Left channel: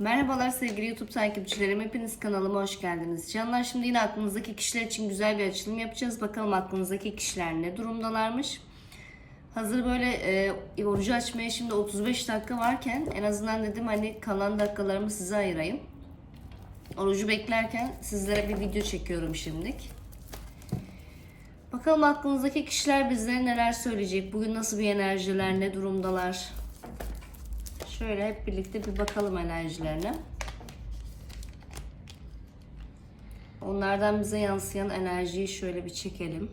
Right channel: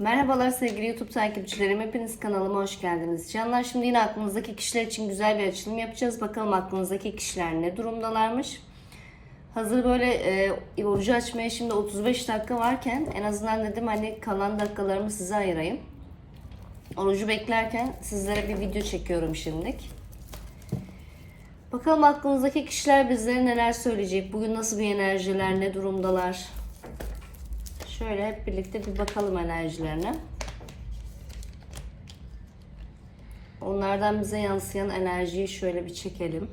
Merhabalar sevgili YouTube takipçilerim. Hepiniz kanalıma hoş geldiniz. Canlar şimdi yine aklınızdaki kişiler için güzel bir açılım yapacağız. Bakalım aklınızdaki kişiler ne durumdalarmış. Hazır böyle e, orucu açmaya şimdi 35 dakika varken en azından dedim hani kalan dakikalarımı size ayırayım. Orucu beklerken sizlere bir video çekiyorum şimdilik. Bakalım aklınızdaki kişiler bizlere neler söyleyecek. Bugün nasıl bir enerjiler, ne durumdalar. Şöyle hep birlikte bir bakalım enerjilerine. Onlardan bize yansıyan enerjiyi şöyle bir çekelim.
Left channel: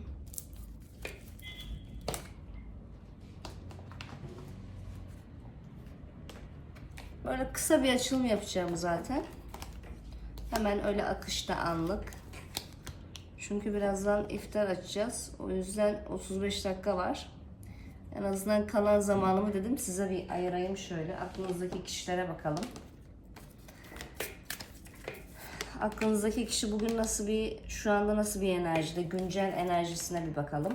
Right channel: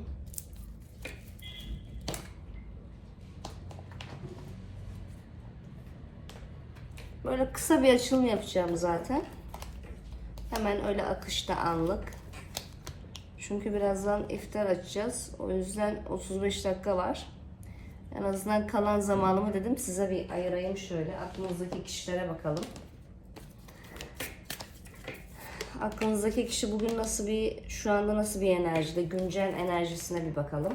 Böyle kısa bir açılım yapacağım zaten. Hemen öyle akışta anlık. Çünkü birazdan iftar açacağız. O yüzden 35 dakika var. En azından kalan zamanımı dedim size bir ayırayım şöyle. Aklınızdaki kişilere bakalım. Aklınızdaki kişi bugün nasıl bir, şu anda nasıl bir enerjide, güncel enerjisine bir bakalım.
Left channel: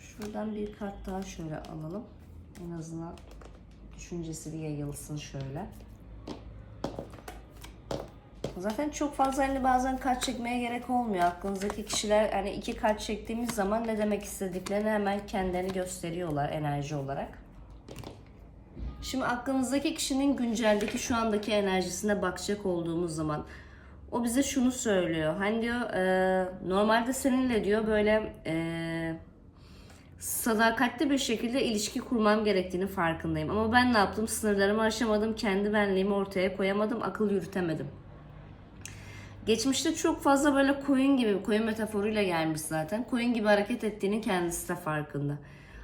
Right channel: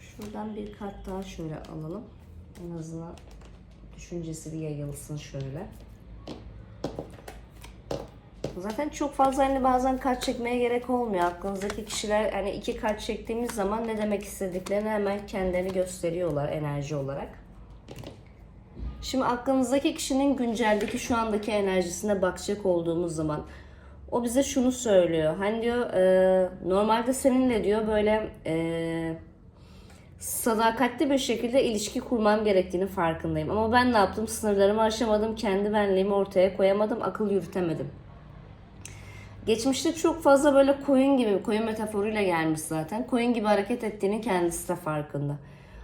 Şuradan bir kart daha şöyle alalım. En azından düşüncesi bir yayılsın şöyle. Zaten çok fazla hani bazen kart çekmeye gerek olmuyor. Aklınızdaki kişiler hani iki kart çektiğimiz zaman ne demek istediklerini hemen kendilerini gösteriyorlar enerji olarak. Şimdi aklınızdaki kişinin günceldeki şu andaki enerjisine bakacak olduğumuz zaman o bize şunu söylüyor. Hani diyor e, normalde seninle diyor böyle e, sadakatli bir şekilde ilişki kurmam gerektiğini farkındayım. Ama ben ne yaptım? Sınırlarımı aşamadım. Kendi benliğimi ortaya koyamadım. Akıl yürütemedim. Geçmişte çok fazla böyle koyun gibi, koyun metaforuyla gelmiş zaten. Koyun gibi hareket ettiğini kendisi de farkında.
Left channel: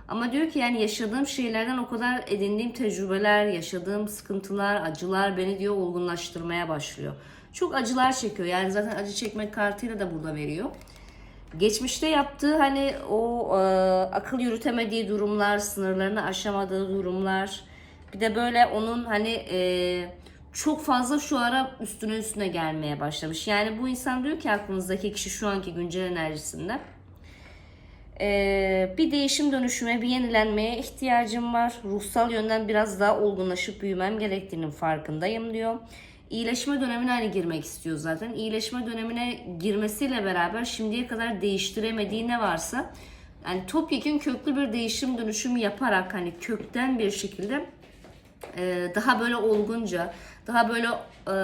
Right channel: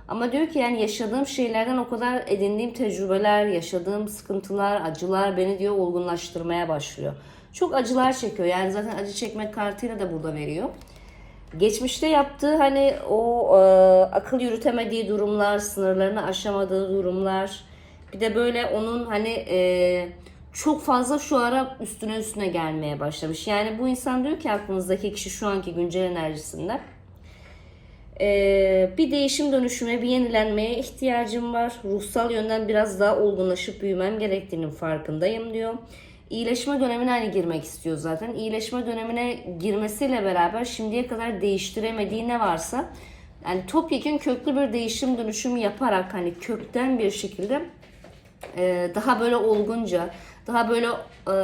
Ama diyor ki yani yaşadığım şeylerden o kadar edindiğim tecrübeler, yaşadığım sıkıntılar, acılar beni diyor olgunlaştırmaya başlıyor. Çok acılar çekiyor. Yani zaten acı çekmek kartıyla da burada veriyor. Geçmişte yaptığı hani o e, akıl yürütemediği durumlar, sınırlarını aşamadığı durumlar. Bir de böyle onun hani e, çok fazla şu ara üstüne üstüne gelmeye başlamış. Yani bu insan diyor ki aklınızdaki kişi şu anki güncel enerjisinden ee, bir değişim dönüşüme, bir yenilenmeye ihtiyacım var. Ruhsal yönden biraz daha olgunlaşıp büyümem gerektiğinin farkındayım diyor. İyileşme dönemine hani girmek istiyor zaten. İyileşme dönemine girmesiyle beraber şimdiye kadar değiştiremediği ne varsa yani topyekun köklü bir değişim dönüşüm yaparak hani kökten bir şekilde e, daha böyle olgunca, daha böyle e,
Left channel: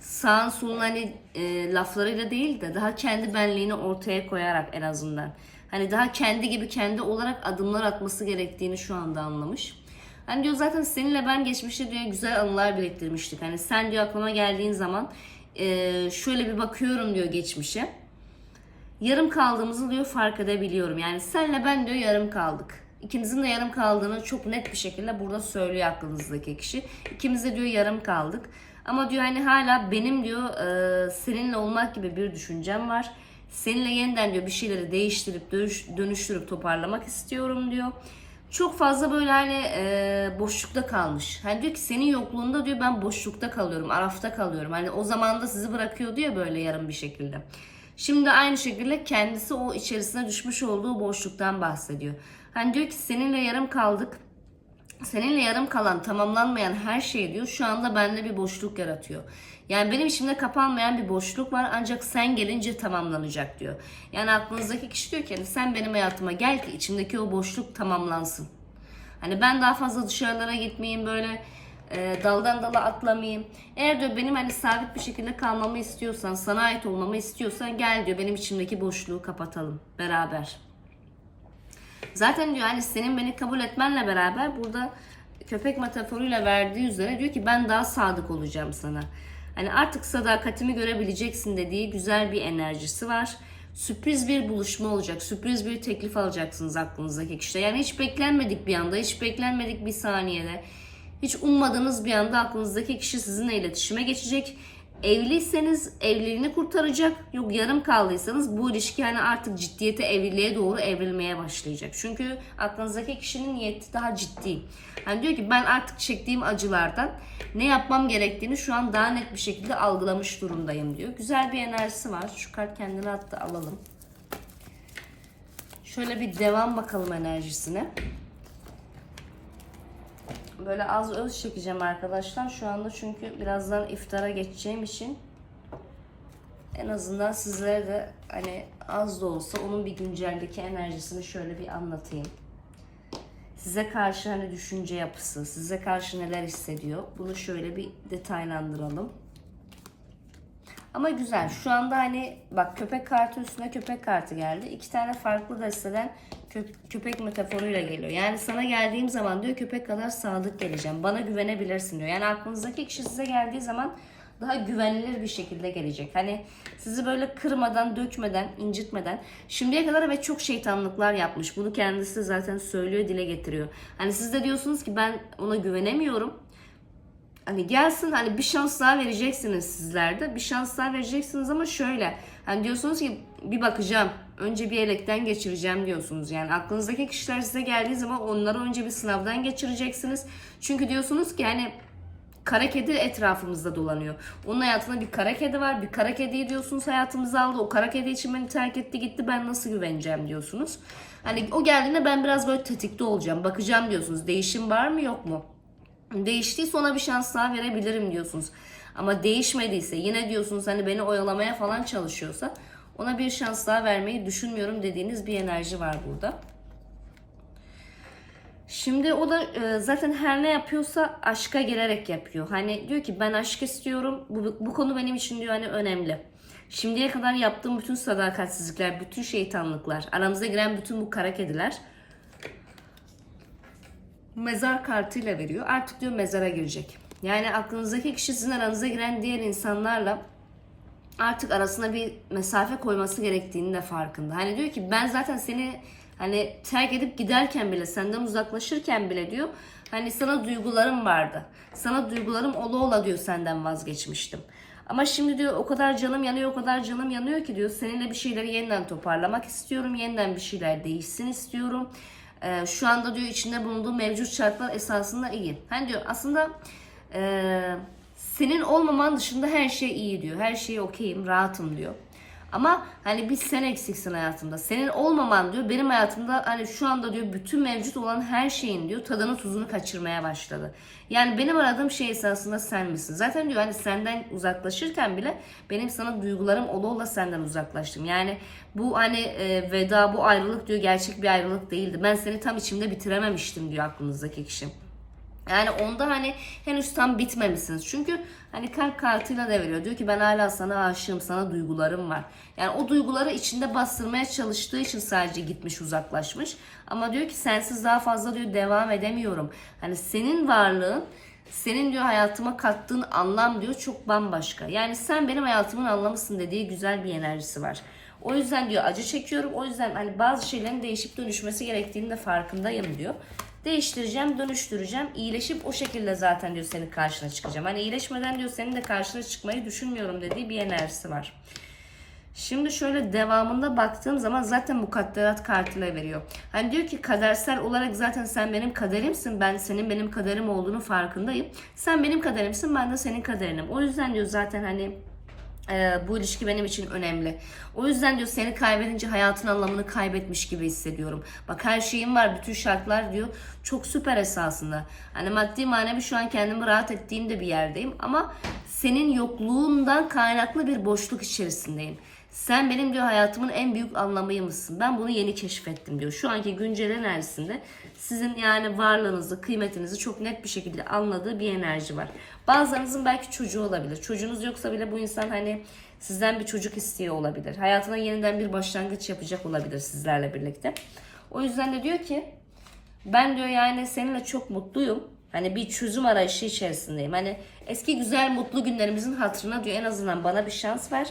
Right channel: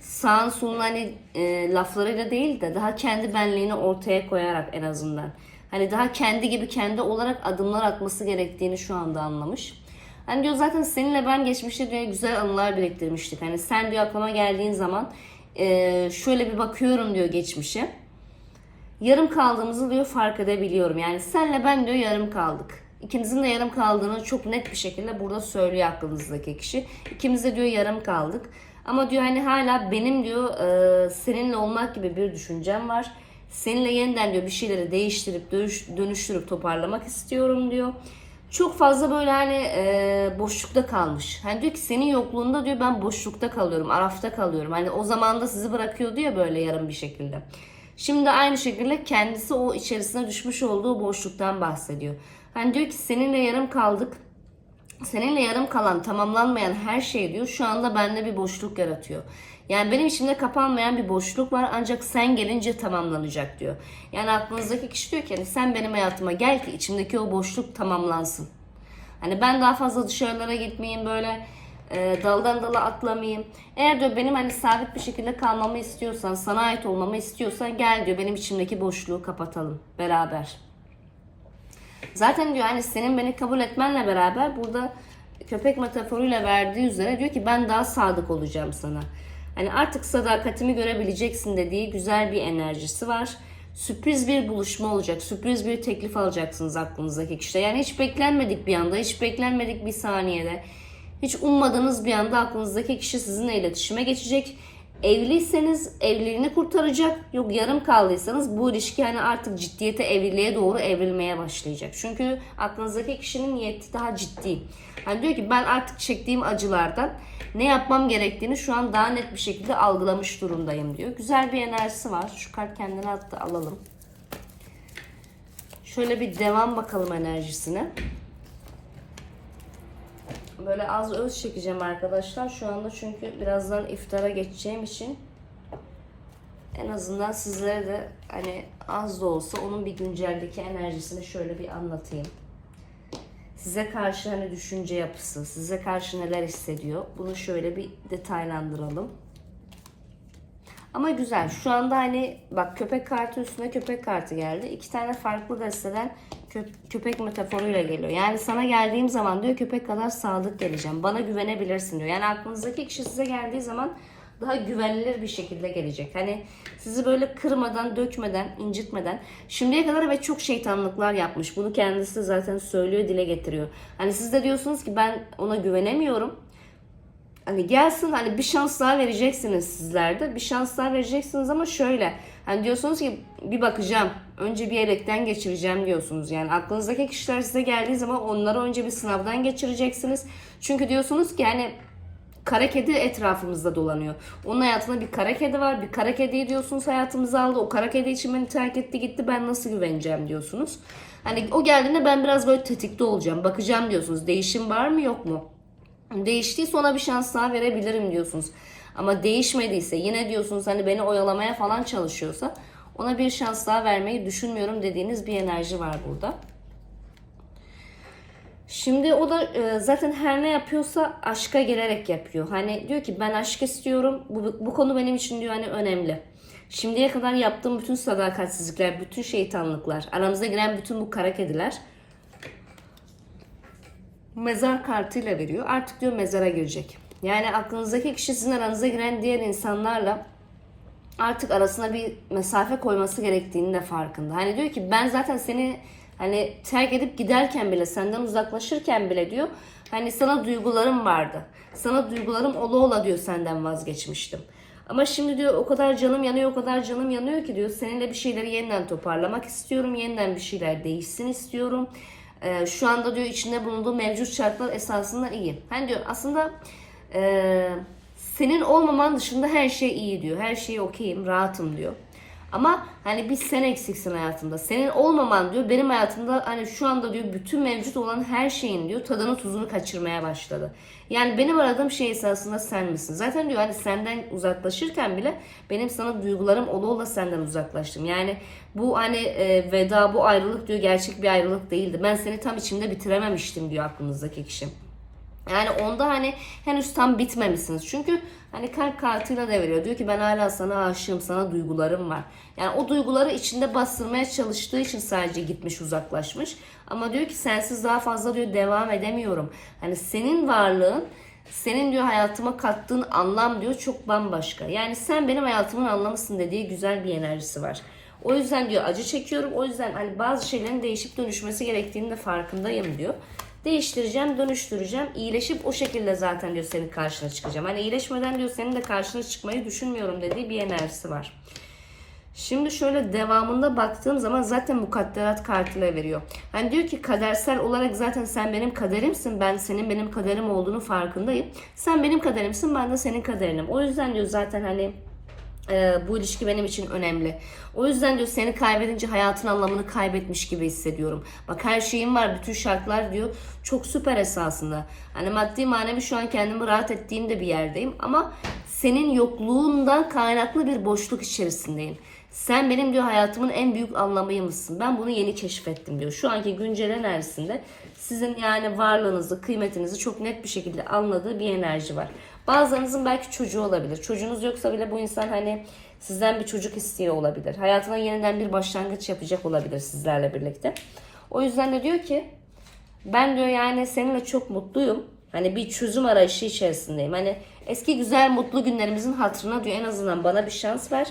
sağın solun hani e, laflarıyla değil de daha kendi benliğini ortaya koyarak en azından. Hani daha kendi gibi kendi olarak adımlar atması gerektiğini şu anda anlamış. Hani diyor zaten seninle ben geçmişte diye güzel anılar biriktirmiştik. Hani sen diyor aklıma geldiğin zaman e, şöyle bir bakıyorum diyor geçmişe. Yarım kaldığımızı diyor fark edebiliyorum. Yani senle ben diyor yarım kaldık. İkimizin de yarım kaldığını çok net bir şekilde burada söylüyor aklınızdaki kişi. İkimiz de diyor yarım kaldık. Ama diyor hani hala benim diyor e, seninle olmak gibi bir düşüncem var. Seninle yeniden diyor bir şeyleri değiştirip dönüştürüp toparlamak istiyorum diyor. Çok fazla böyle hani e, boşlukta kalmış. Hani diyor ki senin yokluğunda diyor ben boşlukta kalıyorum, arafta kalıyorum. Hani o zaman da sizi bırakıyordu ya böyle yarım bir şekilde. Şimdi aynı şekilde kendisi o içerisine düşmüş olduğu boşluktan bahsediyor. Hani diyor ki seninle yarım kaldık. Seninle yarım kalan, tamamlanmayan her şey diyor şu anda bende bir boşluk yaratıyor. Yani benim içimde kapanmayan bir boşluk var ancak sen gelince tamamlanacak diyor. Yani aklınızdaki kişi diyor ki hani sen benim hayatıma gel ki içimdeki o boşluk tamamlansın. Hani ben daha fazla dışarılara gitmeyeyim böyle e, daldan dala atlamayayım. Eğer diyor benim hani sabit bir şekilde kalmamı istiyorsan, sana ait olmamı istiyorsan gel diyor benim içimdeki boşluğu kapatalım beraber. Zaten diyor hani senin beni kabul etmenle beraber burada köpek metaforuyla verdiği üzere diyor ki ben daha sadık olacağım sana. Hani artık sadakatimi görebileceksin dediği güzel bir enerjisi var. Sürpriz bir buluşma olacak. Sürpriz bir teklif alacaksınız aklınızdaki kişide. Yani hiç beklenmedik bir anda, hiç beklenmedik bir saniyede. Hiç ummadığınız bir anda aklınızdaki kişi sizinle iletişime geçecek. Evliyseniz evliliğini kurtaracak. Yok yarım kaldıysanız bu ilişki yani artık ciddiyete, evliliğe doğru evrilmeye başlayacak. Çünkü aklınızdaki kişinin niyeti daha ciddi. Hani diyor ki ben artık çektiğim acılardan ne yapmam gerektiğini şu an daha net bir şekilde algılamış durumdayım diyor. Güzel bir enerjisi var. Şu kart kendine attı alalım. Şöyle bir devam bakalım enerjisine. Böyle az öz çekeceğim arkadaşlar. Şu anda çünkü birazdan iftara geçeceğim için en azından sizlere de hani az da olsa onun bir günceldeki enerjisini şöyle bir anlatayım. Size karşı hani düşünce yapısı, size karşı neler hissediyor bunu şöyle bir detaylandıralım. Ama güzel. Şu anda hani bak köpek kartı üstüne köpek kartı geldi. İki tane farklı desteden köpek metaforuyla geliyor. Yani sana geldiğim zaman diyor köpek kadar sadık geleceğim. Bana güvenebilirsin diyor. Yani aklınızdaki kişi size geldiği zaman daha güvenilir bir şekilde gelecek. Hani sizi böyle kırmadan, dökmeden, incitmeden şimdiye kadar ve çok şeytanlıklar yapmış. Bunu kendisi zaten söylüyor, dile getiriyor. Hani siz de diyorsunuz ki ben ona güvenemiyorum. Hani gelsin hani bir şans daha vereceksiniz sizler de. Bir şans daha vereceksiniz ama şöyle. Hani diyorsunuz ki bir bakacağım. Önce bir elekten geçireceğim diyorsunuz. Yani aklınızdaki kişiler size geldiği zaman onları önce bir sınavdan geçireceksiniz. Çünkü diyorsunuz ki hani kara kedi etrafımızda dolanıyor. Onun hayatında bir kara kedi var. Bir kara kediyi diyorsunuz hayatımıza aldı. O kara kedi için beni terk etti gitti. Ben nasıl güveneceğim diyorsunuz. Hani o geldiğinde ben biraz böyle tetikte olacağım. Bakacağım diyorsunuz. Değişim var mı yok mu? Değiştiyse ona bir şans daha verebilirim diyorsunuz. Ama değişmediyse yine diyorsunuz hani beni oyalamaya falan çalışıyorsa ona bir şans daha vermeyi düşünmüyorum dediğiniz bir enerji var burada. Şimdi o da e, zaten her ne yapıyorsa aşka gelerek yapıyor. Hani diyor ki ben aşk istiyorum. Bu, bu konu benim için diyor hani önemli. Şimdiye kadar yaptığım bütün sadakatsizlikler, bütün şeytanlıklar, aramıza giren bütün bu kara kediler mezar kartıyla veriyor. Artık diyor mezara girecek. Yani aklınızdaki kişi sizin aranıza giren diğer insanlarla artık arasına bir mesafe koyması gerektiğini de farkında. Hani diyor ki ben zaten seni hani terk edip giderken bile senden uzaklaşırken bile diyor hani sana duygularım vardı. Sana duygularım ola ola diyor senden vazgeçmiştim. Ama şimdi diyor o kadar canım yanıyor, o kadar canım yanıyor ki diyor seninle bir şeyleri yeniden toparlamak istiyorum. Yeniden bir şeyler değişsin istiyorum. Ee, şu anda diyor içinde bulunduğu mevcut şartlar esasında iyi. Hani diyor aslında e, senin olmaman dışında her şey iyi diyor. Her şey okeyim, rahatım diyor. Ama hani bir sen eksiksin hayatımda. Senin olmaman diyor benim hayatımda hani şu anda diyor bütün mevcut olan her şeyin diyor tadını tuzunu kaçırmaya başladı. Yani benim aradığım şey esasında sen misin? Zaten diyor hani senden uzaklaşırken bile benim sana duygularım ola ola senden uzaklaştım. Yani bu hani e, veda bu ayrılık diyor gerçek bir ayrılık değildi. Ben seni tam içimde bitirememiştim diyor aklınızdaki kişi. Yani onda hani henüz tam bitmemişsiniz. Çünkü hani kalp kartıyla da veriyor. Diyor ki ben hala sana aşığım, sana duygularım var. Yani o duyguları içinde bastırmaya çalıştığı için sadece gitmiş uzaklaşmış. Ama diyor ki sensiz daha fazla diyor devam edemiyorum. Hani senin varlığın senin diyor hayatıma kattığın anlam diyor çok bambaşka. Yani sen benim hayatımın anlamısın dediği güzel bir enerjisi var. O yüzden diyor acı çekiyorum. O yüzden hani bazı şeylerin değişip dönüşmesi gerektiğini de farkındayım diyor. Değiştireceğim, dönüştüreceğim. İyileşip o şekilde zaten diyor senin karşına çıkacağım. Hani iyileşmeden diyor senin de karşına çıkmayı düşünmüyorum dediği bir enerjisi var. Şimdi şöyle devamında baktığım zaman zaten mukadderat kartıyla veriyor. Hani diyor ki kadersel olarak zaten sen benim kaderimsin. Ben senin benim kaderim olduğunu farkındayım. Sen benim kaderimsin ben de senin kaderinim. O yüzden diyor zaten hani e, bu ilişki benim için önemli. O yüzden diyor seni kaybedince hayatın anlamını kaybetmiş gibi hissediyorum. Bak her şeyim var, bütün şartlar diyor çok süper esasında. Hani maddi manevi şu an kendimi rahat ettiğim de bir yerdeyim ama senin yokluğundan kaynaklı bir boşluk içerisindeyim. Sen benim diyor hayatımın en büyük anlamıymışsın. Ben bunu yeni keşfettim diyor. Şu anki güncel enerjisinde sizin yani varlığınızı, kıymetinizi çok net bir şekilde anladığı bir enerji var. Bazılarınızın belki çocuğu olabilir. Çocuğunuz yoksa bile bu insan hani sizden bir çocuk istiyor olabilir. Hayatına yeniden bir başlangıç yapacak olabilir sizlerle birlikte. O yüzden de diyor ki ben diyor yani seninle çok mutluyum. Hani bir çözüm arayışı içerisindeyim. Hani eski güzel mutlu günlerimizin hatırına diyor en azından bana bir şans ver.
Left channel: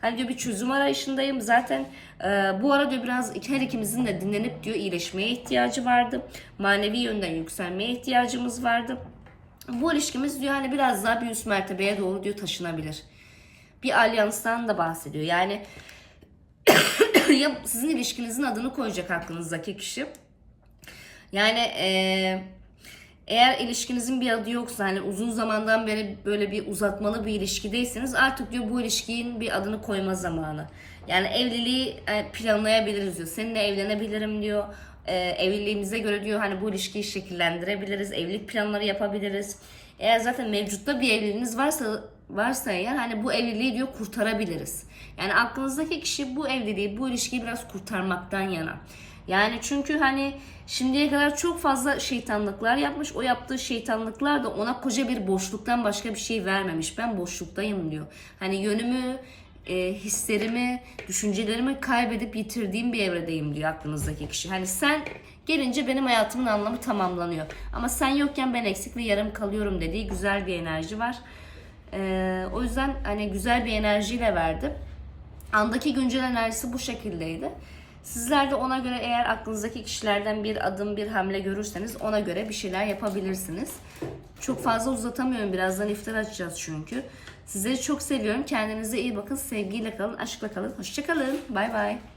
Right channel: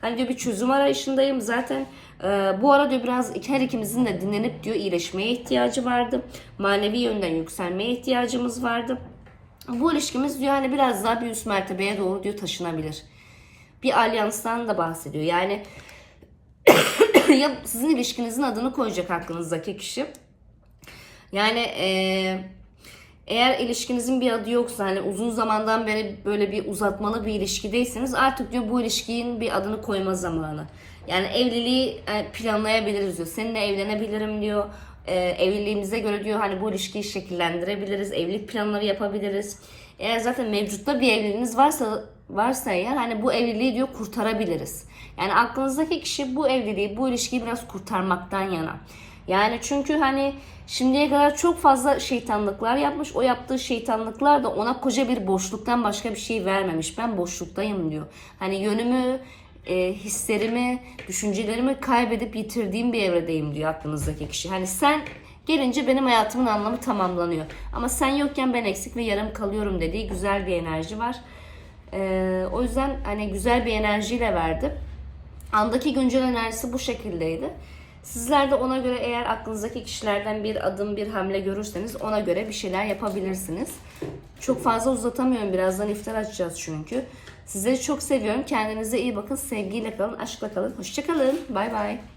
Hani diyor bir çözüm arayışındayım. Zaten e, bu ara diyor biraz her ikimizin de dinlenip diyor iyileşmeye ihtiyacı vardı. Manevi yönden yükselmeye ihtiyacımız vardı. Bu ilişkimiz diyor hani biraz daha bir üst mertebeye doğru diyor taşınabilir. Bir alyanstan da bahsediyor. Yani ya sizin ilişkinizin adını koyacak aklınızdaki kişi. Yani eee eğer ilişkinizin bir adı yoksa hani uzun zamandan beri böyle bir uzatmalı bir ilişkideyseniz artık diyor bu ilişkinin bir adını koyma zamanı. Yani evliliği e, planlayabiliriz diyor. Seninle evlenebilirim diyor. E, evliliğimize göre diyor hani bu ilişkiyi şekillendirebiliriz. Evlilik planları yapabiliriz. Eğer zaten mevcutta bir evliliğiniz varsa varsa eğer hani bu evliliği diyor kurtarabiliriz. Yani aklınızdaki kişi bu evliliği, bu ilişkiyi biraz kurtarmaktan yana. Yani çünkü hani şimdiye kadar çok fazla şeytanlıklar yapmış. O yaptığı şeytanlıklar da ona koca bir boşluktan başka bir şey vermemiş. Ben boşluktayım diyor. Hani yönümü, e, hislerimi, düşüncelerimi kaybedip yitirdiğim bir evredeyim diyor aklınızdaki kişi. Hani sen gelince benim hayatımın anlamı tamamlanıyor. Ama sen yokken ben eksik ve yarım kalıyorum dediği güzel bir enerji var. E, o yüzden hani güzel bir enerjiyle verdi. Andaki güncel enerjisi bu şekildeydi. Sizler de ona göre eğer aklınızdaki kişilerden bir adım bir hamle görürseniz ona göre bir şeyler yapabilirsiniz. Çok fazla uzatamıyorum. Birazdan iftar açacağız çünkü. Sizleri çok seviyorum. Kendinize iyi bakın. Sevgiyle kalın, aşkla kalın. Hoşçakalın. Bay bay.